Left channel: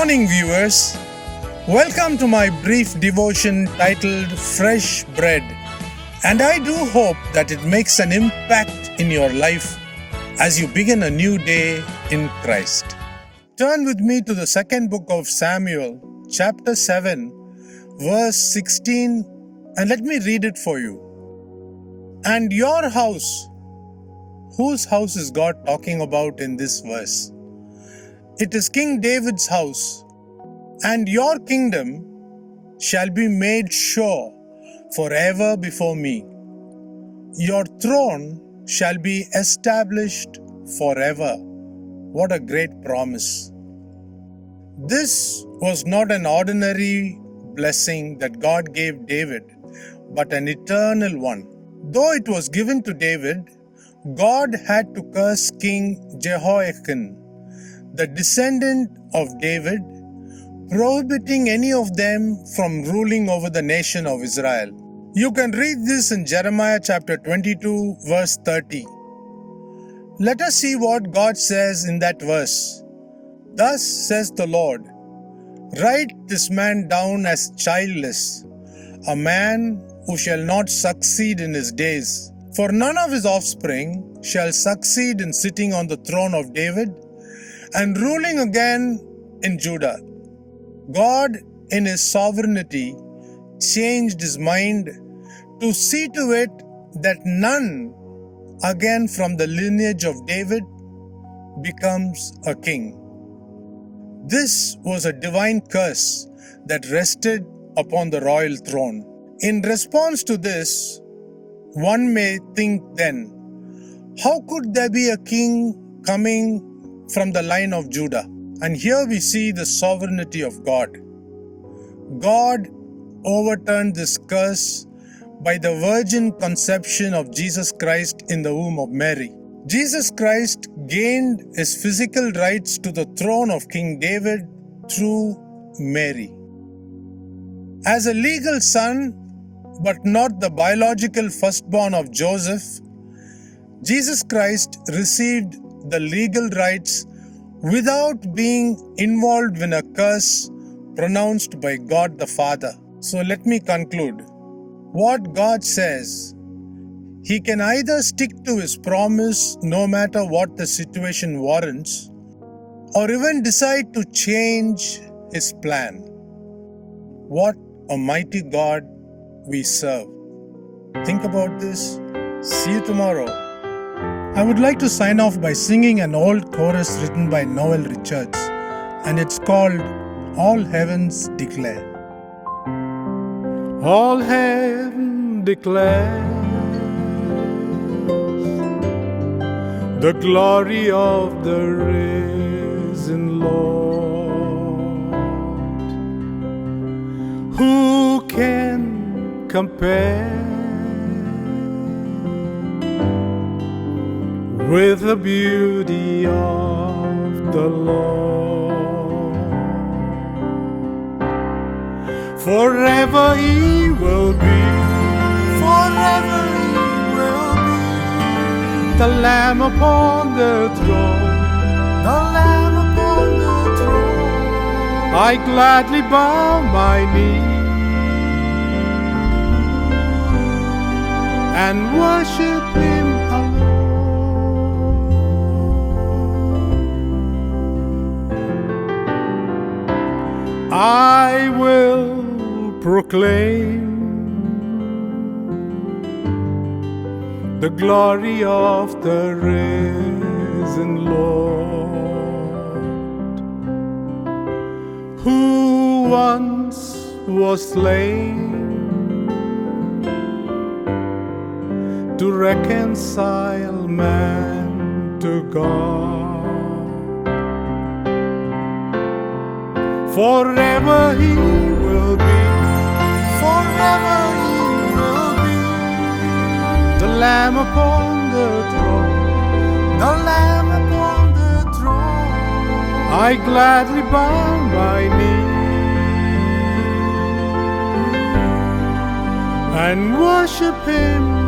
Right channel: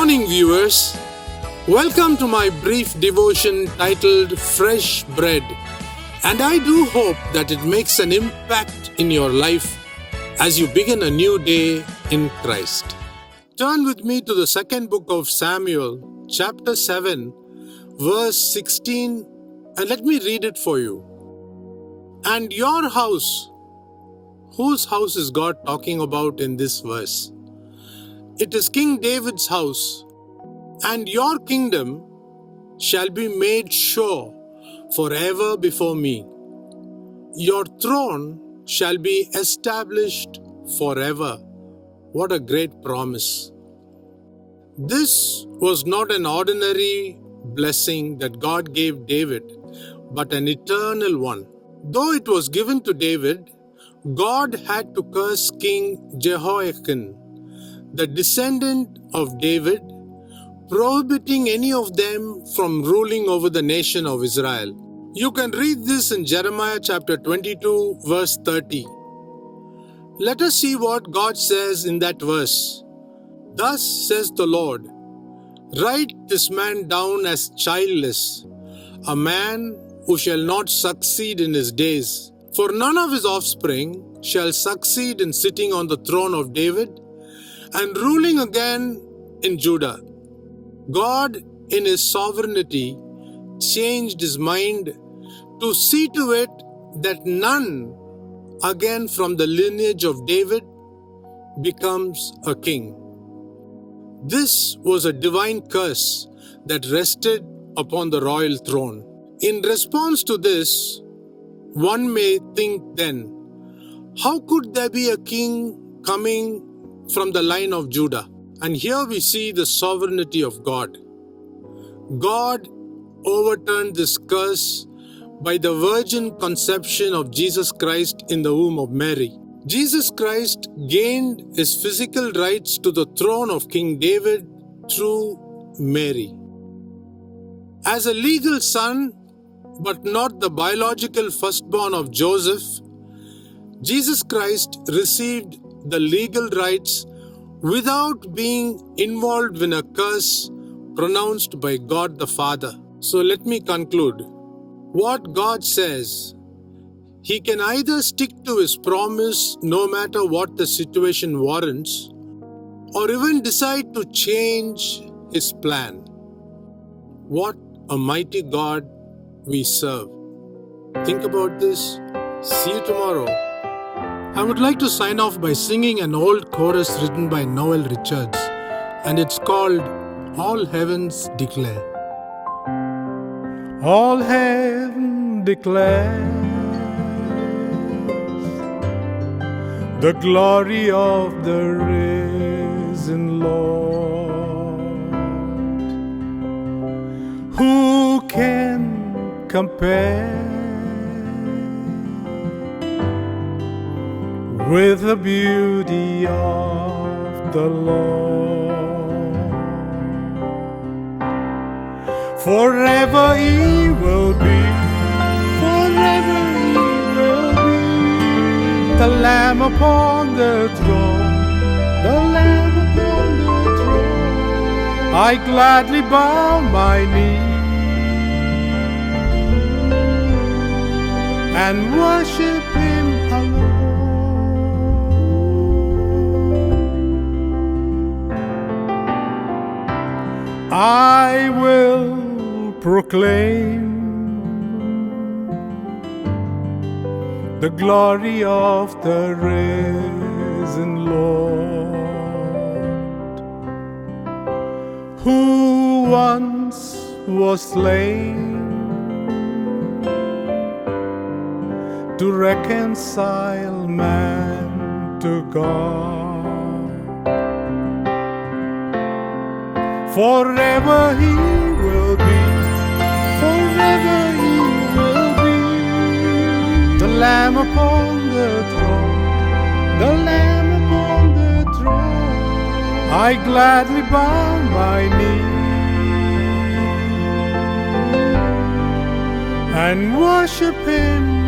morning, viewers. Welcome to my brief devotion titled Fresh Bread. And I do hope that it makes an impact in your life as you begin a new day in Christ. Turn with me to the second book of Samuel, chapter 7, verse 16, and let me read it for you. And your house, whose house is God talking about in this verse? It is King David's house. And your kingdom shall be made sure forever before me. Your throne shall be established forever. What a great promise. This was not an ordinary blessing that God gave David, but an eternal one. Though it was given to David, God had to curse King Jehoiakim, the descendant of David, prohibiting any of them from ruling over the nation of Israel. You can read this in Jeremiah chapter 22, verse 30. Let us see what God says in that verse. Thus says the Lord, write this man down as childless, a man who shall not succeed in his days. For none of his offspring shall succeed in sitting on the throne of David and ruling again in Judah. God, in His sovereignty, changed His mind to see to it that none again from the lineage of David becomes a king. This was a divine curse that rested upon the royal throne. In response to this, one may think then, how could there be a king coming from the line of Judah? And here we see the sovereignty of God. God overturned this curse by the virgin conception of Jesus Christ in the womb of Mary. Jesus Christ gained his physical rights to the throne of King David through Mary. As a legal son, but not the biological firstborn of Joseph, Jesus Christ received the legal rights without being involved in a curse pronounced by God the Father. So let me conclude. What God says, He can either stick to His promise no matter what the situation warrants, or even decide to change His plan. What a mighty God we serve. Think about this. See you tomorrow. I would like to sign off by singing an old chorus written by Noel Richards, and it's called All Heavens Declare. All heaven declares the glory of the risen Lord. Who can compare with the beauty of the Lord? Forever He will be, forever He will be, the Lamb upon the throne, the Lamb upon the throne. I gladly bow my knee and worship Him alone. I will proclaim the glory of the risen Lord, who once was slain to reconcile man to God. Forever He will be, forever He will be, the Lamb upon the throne, the Lamb upon the throne. I gladly bow my knee and worship Him